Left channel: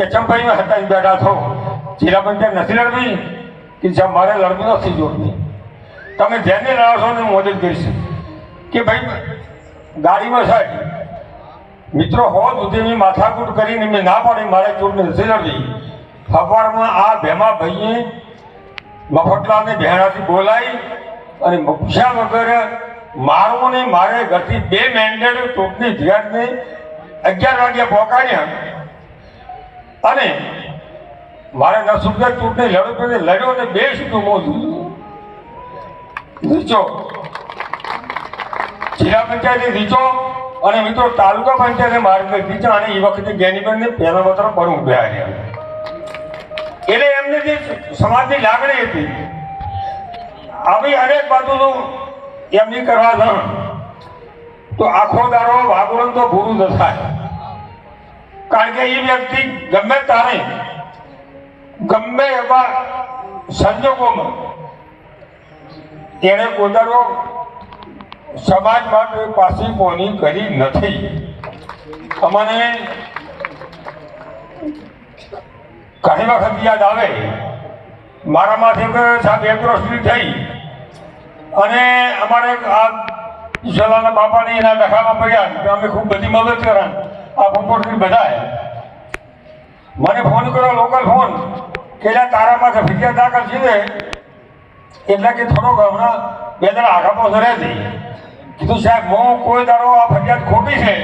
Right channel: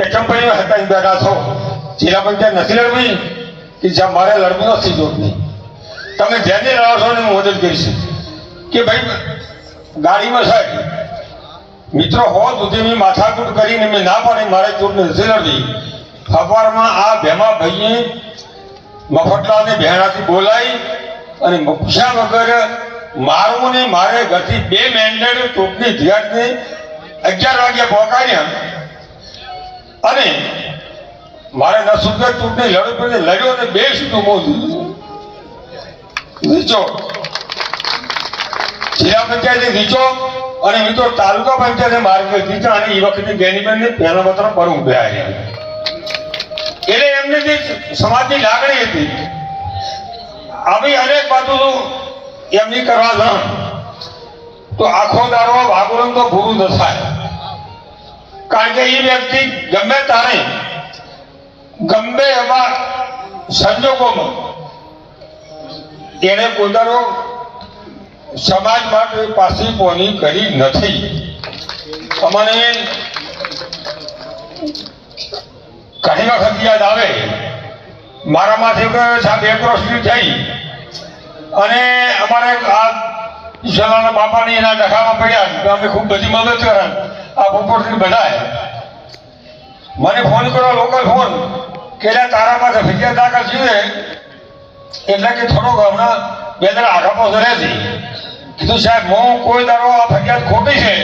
કે ચંપાઈ હતા બેઠા છો જિલ્લા પંચાયત નથી લડવી કે જ્યાં મારે લડવું નથી જોડતી તમે જેને લડશો ને હું મદદ કરીશ. કે ભાઈ, ગાડીમાં સાહેબ, મિત્રો, હો સુધી મેં માથાકૂટ કરીને મેં ના પાડી, મારે ચૂંટણી નથી લડવી ખબરમાં આ ભેમા ભાઈએ મફતલાલને ભેણાથી બોલાવી અને પૂછ્યા વગર મારું ને મારે ઘરથી બે મેન્ડેટ ચૂંટણી ધ્યાનને અગિયાર વાગ્યા પહોંચાડ્યા. અને મારે દસ ચૂંટણી લડવી પડી, લડ્યો અને બે સુધી મોજું. રીચો જિલ્લા પંચાયતે રીચો અને મિત્રો તાલુકા પંચાયતે માર્ગ રીચા અને એ વખતે જ્ઞાનીબેનને પહેલા માત્ર પર ઉભ્યા રહ્યા. એટલે એમને જે સમાજની લાગણી હતી, આવી અનેક બાજુ એમની કરવા જણ. તો આખો દારો વાગરણ તો ન થાય કારણ કે એ વ્યક્તિ ગમે તારે, ગમે એવા સંજોગોમાં. એણે પોતાનો સમાજ માટે પાછી પોની કરી નથી. અમને ઘણી વખત યાદ આવે મારામાંથી કે સાહેબ વર્ષની થઈ. અને અમારે આ ઈશ્વરના બાપાની એના ડખામાં પડ્યા અમે ખૂબ બધી મદદ કરે આ પોપટથી બધાએ મને ફોન કર્યો લોકલ ફોન, કે તારા પાસે ફિકર દાખલ છે એટલે કે થોડોક હમણાં બે દાડા આગળ પાછળ રહેતી. કીધું, સાહેબ, હું કોઈ તારો આ ફરિયાદ ખોટી છે.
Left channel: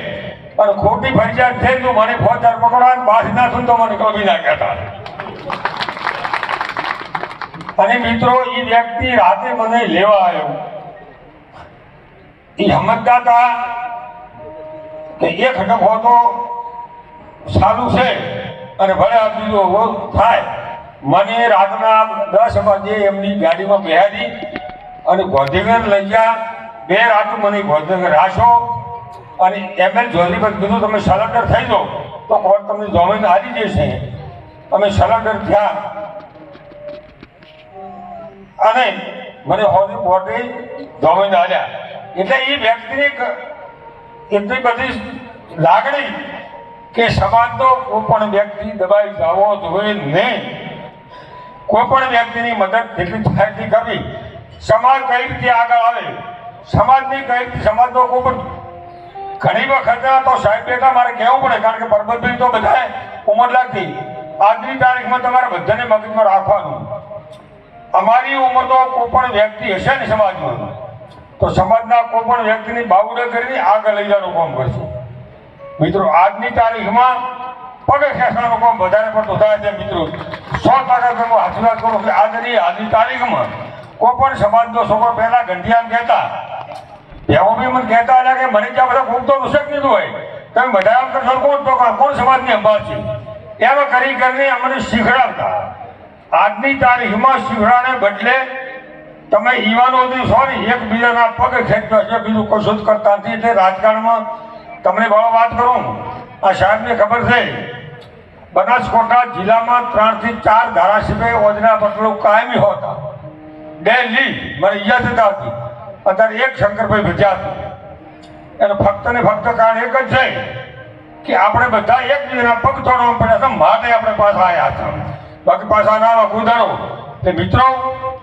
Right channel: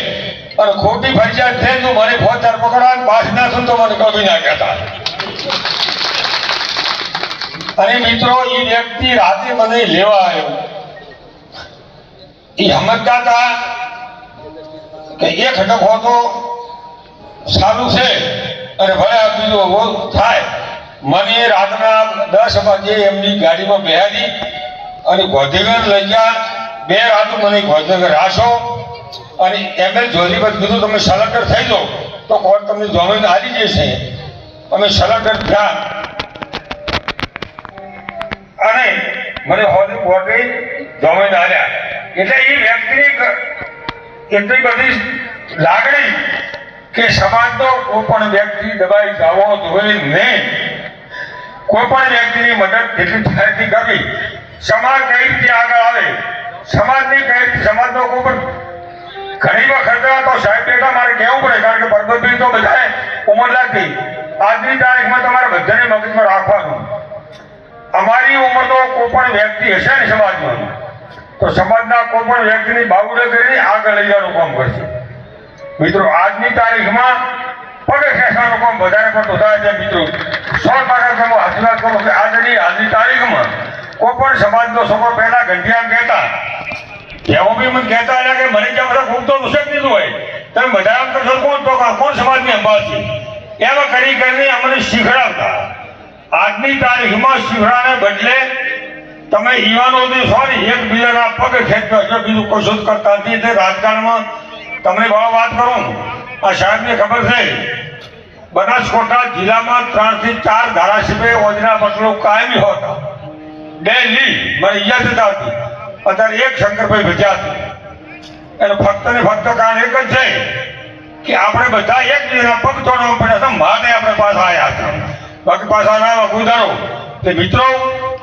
અને ખોટી ફરિયાદ છે તો મને ફોન ચાર પકડવા ના નાખું તો મને કભી ના કહેતા અને મિત્રો એ વ્યક્તિ રાતે મને લેવા આવ્યો. એ સમજતા હતા કે એક ડખો તો સારું છે અને ભલે આ બીજો થાય. મને રાતના દસ વાગે એમની ગાડીમાં બેહાડી અને ગોધીગર લઈ ગયા બે રાત મને ગોધીગર રાશો. અને એમને પર કીધું, તમે સલેક્ટર થઈ જાઓ. તો કોર્ટ તમને જમીન હારી જશે તમે સલેક્ટર થયા અને મને હોદી કોર્ટે જમીન હાર્યા એટલે એ વ્યક્તિની એટલી બધી લાગણી કે સમાજનો કોઈ પણ વ્યક્તિ દબાઈ જવો જોઈએ નહીં કોઈ પણ વ્યક્તિની મદદ જેટલી થાય એટલી કરવી. સમાજ કઈ રીતે આગળ આવે? સમાજની કઈ સમાજનો કોઈ પણ ઘણી વખત તો સાહેબ બેટા, મારે કહેવું પડે, કારણ કે પરબતભાઈ તો બધાએ ઉંમર લાગતી આજની તારીખમાં તમારે બધાને મગજમાં રાખવાનું. અમારી ઉંમર તો કોઈ પણ વ્યક્તિ હશે ને સમાજમાં? તો સમાજના કોઈ પણ વ્યક્તિની બાવડે કરી આગળ લઈ જવાનું કામ કરશે. મિત્રો, આજની તારીખમાં પગે ખેંચવાનું કામ વધારે પડતું થાય છે, મિત્રો. સો ટકા તમે હાથવાત કરો કે આજની આજની તારીખમાં કોઈ પણ સમાજનો છોકરો પહેલા ઘંટિયામ કહેતા. એવો બી મને કહેતા હતા કે મને ત્યાં બધા ખૂબ તો મુશ્કેલ દીધું હોય. તમે બધા એમ કરશો કોણ તો કોણ સમાજની છે? એમ કરી કરીને અમને શીખડાવતા. આજની તારીખમાં શીખડાને બદલે તમે યુવાનો સોરી એકબીજાના પગ ખેંચો છો, બીજું કશું કરતા નથી. એટલે રાજકારણમાં તમને બહુ વાત કરું, આ સાહેબને ખબર છે? બનાસકોટા જિલ્લામાં ત્રણથી ચાર ધારાસભ્ય ઓજના પટલો કાયમી હોતા. ડેલી મને યાદ જ આવતી અત્યારે એક શંકરભાઈ ભજ્યા છે. એનું ફક્ત ને ફક્ત કારણ એક જ છે કે આપણે બધા એકબીજાના પગ તોડવા પડ્યા છે. માટે આપણે પાછા આવ્યા છે. પગ પાછા ના તે મિત્રો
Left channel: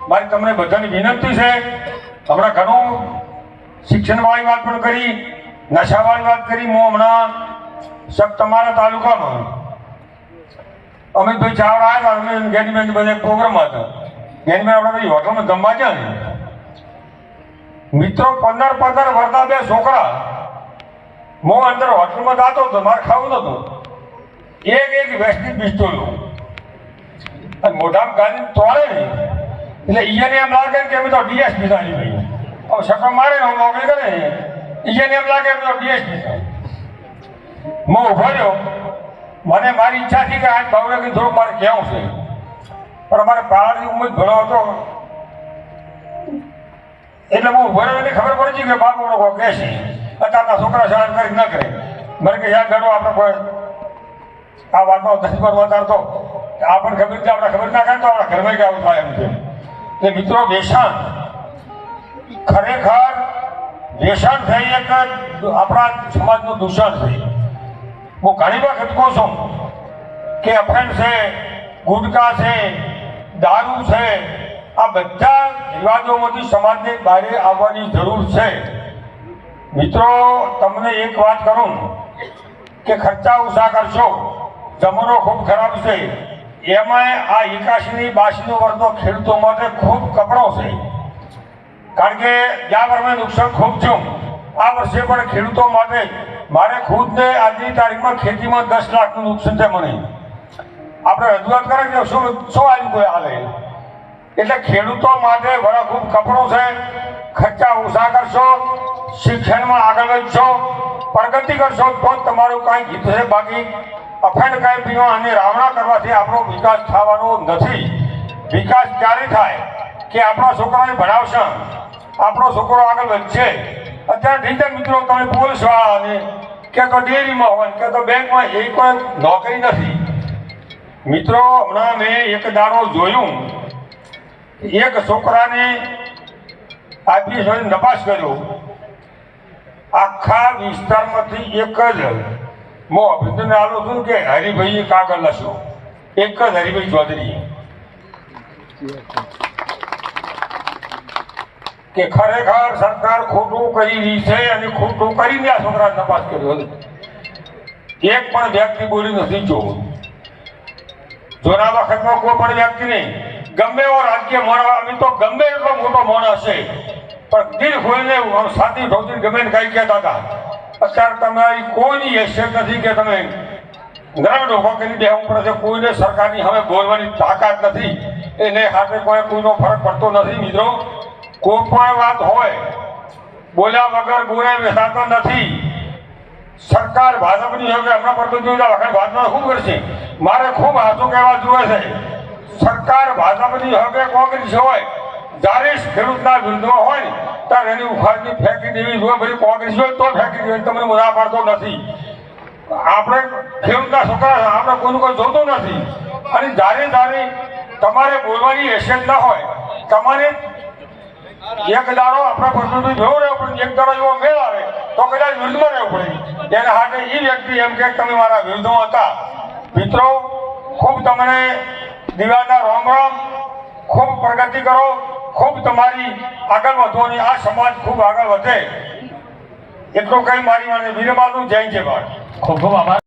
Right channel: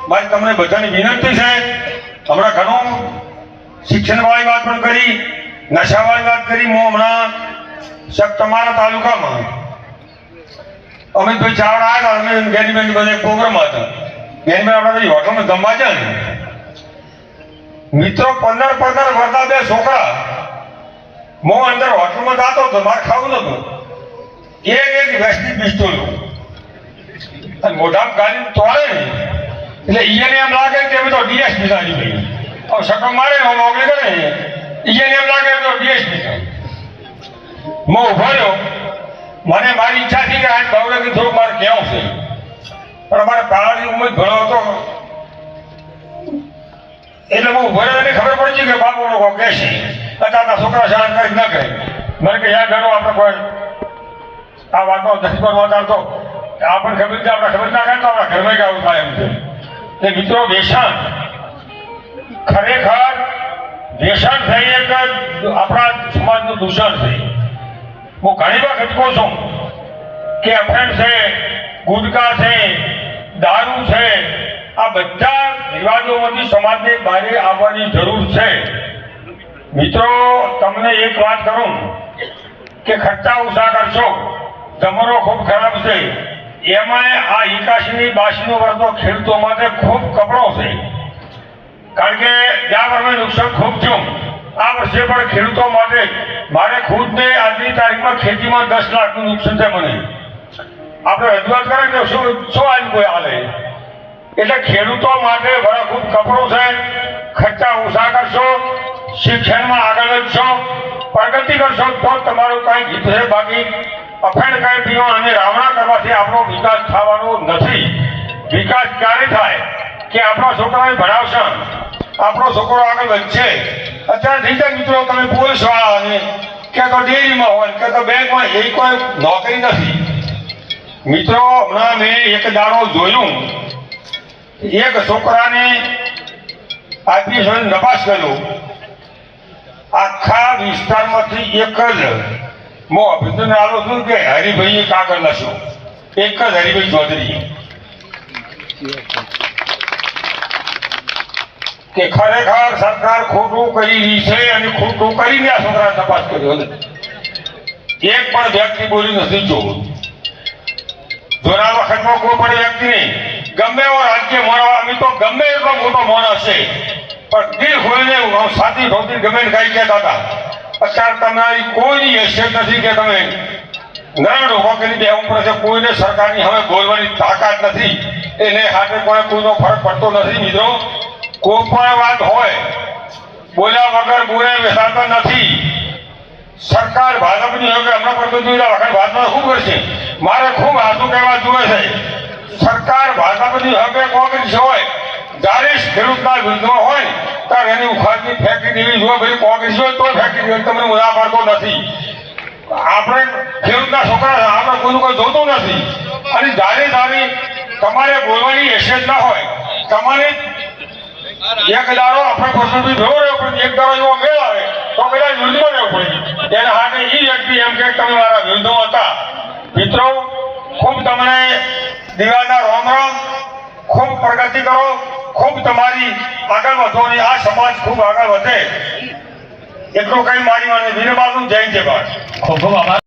મારી તમને બધાની વિનંતી છે. હમણાં ઘણું શિક્ષણવાળી વાત પણ કરી, નશાવાળી વાત કરી. હું હમણાં સબ તમારા તાલુકામાં અમિતભાઈ ચાવડા આવ્યા હતા, અમે ગેનીબેન બધા પ્રોગ્રામ હતા. ગેનીબેન આપણે બધી હોટલમાં જમવા છે ને. મિત્રો પંદર પંદર વર્ષના બે છોકરા હું અંદર હોટલમાં જતો હતો, મારે ખાવું નતું. એક એક વેસ્ટની પિસ્તોલો. અને મોઢામાં ગાડી તોડે ને. એટલે ઈયાને એમ લાગે કે એમ તો ડીએસપી લાગી ગઈ હવે સટો મારે હું મોકલી કરે. ઈયાને એમ લાગે તો ડીએસપી હું ઊભો રહ્યો. મને મારી ઈચ્છા થઈ કે આજ ભાવનગર થોડું મારે કેવું છે. પણ અમારે પાળાની ઉંમર ઘણો હતો. એટલે હું ઊભો રહ્યો ખબર પડી છે કે બાપુ લોકો કહે છે. અત્યારના છોકરા શાળા કરી ન કરે. મને કે યાર ગણો આપણે કોઈ આ વાતનો દસ પર વધારતો આપણને ખબર આપણે ખબર ના કરતા આપણા ઘરમાં આવું થાય એમ છે. એટલે મિત્રો વ્યસન ખરેખર વ્યસન થઈ એક આપણા સમાજનું દૂષણ છે. હું ઘણી વખત કહું છું કે અફેણ છે, ગુટકા છે, દારૂ છે. આ બધા રિવાજોમાંથી સમાજને બહાર આવવાની જરૂર છે. મિત્રો, તમને એક વાત કરું કે ખર્ચા ઓછા કરશો. જમણો ખૂબ ખરાબ છે. એમાં આ એકાશીની બાસીનો વર્તો ખેડૂતો માટે ખૂબ કપડો છે. કારણ કે ગયા વર્ષે નુકસાન ખૂબ થયું. આ વર્ષે પણ ખેડૂતો માટે મારે ખુદને આજની તારીખમાં ખેતીમાં દસ લાખનું નુકસાન છે મને. આપણે રજૂઆત કરે કે શું શું આજ કોઈ હાલે? એટલે ખેડૂતો માટે બરા ખૂબ કપડો છે. ખર્ચા ઓછા કરશો, શિક્ષણમાં આગળ વધશો, પ્રગતિ કરશો, તો તમારું કાંઈ છે બાકી અખંડ કાંઈ પીવા અને રાવણા કરવાથી આપણો વિકાસ થવાનો નથી. વિકાસ ક્યારે થાય? કે આપણા છોકરાને ભણાવશે? આપણો છોકરો આગળ વધશે અત્યારે રીતે મિત્રો તમે પોલીસ વાળાને કે તો ડેરીમાં હોય, કે તો બેંકમાં, એ કોઈ નોકરી નથી. મિત્રો, હમણાં મેં એક દાડો જોયું. એક છોકરાને આઈપીએસ નપાસ કર્યો. આખા વિસ્તારમાંથી એક જ હું અભિનંદન આલો છું કે હરિભાઈ કાગળ લખ્યો એક જ હરિભાઈ ચૌધરી. કે ખરેખર સરકાર ખોટું કરી રહી છે અને ખોટું કરીને આ છોકરા તપાસ કર્યો એક પણ વ્યક્તિ બોલી નથી જોવું જોના વખતમાં કોઈ પણ વ્યક્તિ નહીં. ગમે એવો રાજ્ય મળવા તો ગમે એટલો મોટો માણસ છે. પણ દિલ ખોલીને સાથી ધોતી ગમે ને ગયા હતા. અત્યારે તમારી કોઈની હેસિયત નથી કે તમે નરણ ઊભો કરી દેવું પડે છે, કોઈને સરકારની હવે બોલવાની તાકાત નથી. એને હાથે કોઈ કોઈનો ફરક પડતો નથી, મિત્રો. કોઈ પણ વાત હોય, બોલ્યા વગર બોલે બેસાડતા નથી. સરકાર ભાજપની હવે હમણાં પર તો જોયેલા વખત ભાજપા શું કરશે? મારે ખૂબ આંસુ કહેવા જોવે છે. સરકાર ભાજપની હવે કોંગ્રેસ હોય, જ્યારે ખેડૂતના વિરુદ્ધમાં હોય ને ત્યારે એની ઉખાડની ફેંકી દેવી જોઈએ ભલે કોંગ્રેસ હોય તો ફેંકી દેવી તમને મુદ્દા પડતો નથી. આપણે ખેડૂતના છોકરા આપણે કોઈનું કોઈ જોતું નથી. અને જાણે જાણે તમારે બોલવાની હેસિયત ના હોય. તમારે એક દાડો આપણા પ્રશ્નોથી જોવો રહ્યો પડે એક દાડો એવો મેળ આવે, તો કદાચ વિરુદ્ધમાં રહેવું પડે. ત્યારે હાથે એ વ્યક્તિ એમ કે તમે મારા વિરુદ્ધમાં હતા. મિત્રો, ખૂબ તમને દિવાળીના રામ રામ, ખૂબ પ્રગતિ કરો. ખૂબ તમારી આગળ વધો અને આ સમાજ ખૂબ આગળ વધે. એટલું કઈ મારી મને વિનમ્ર જય જય ખૂબ ખૂબ આભાર.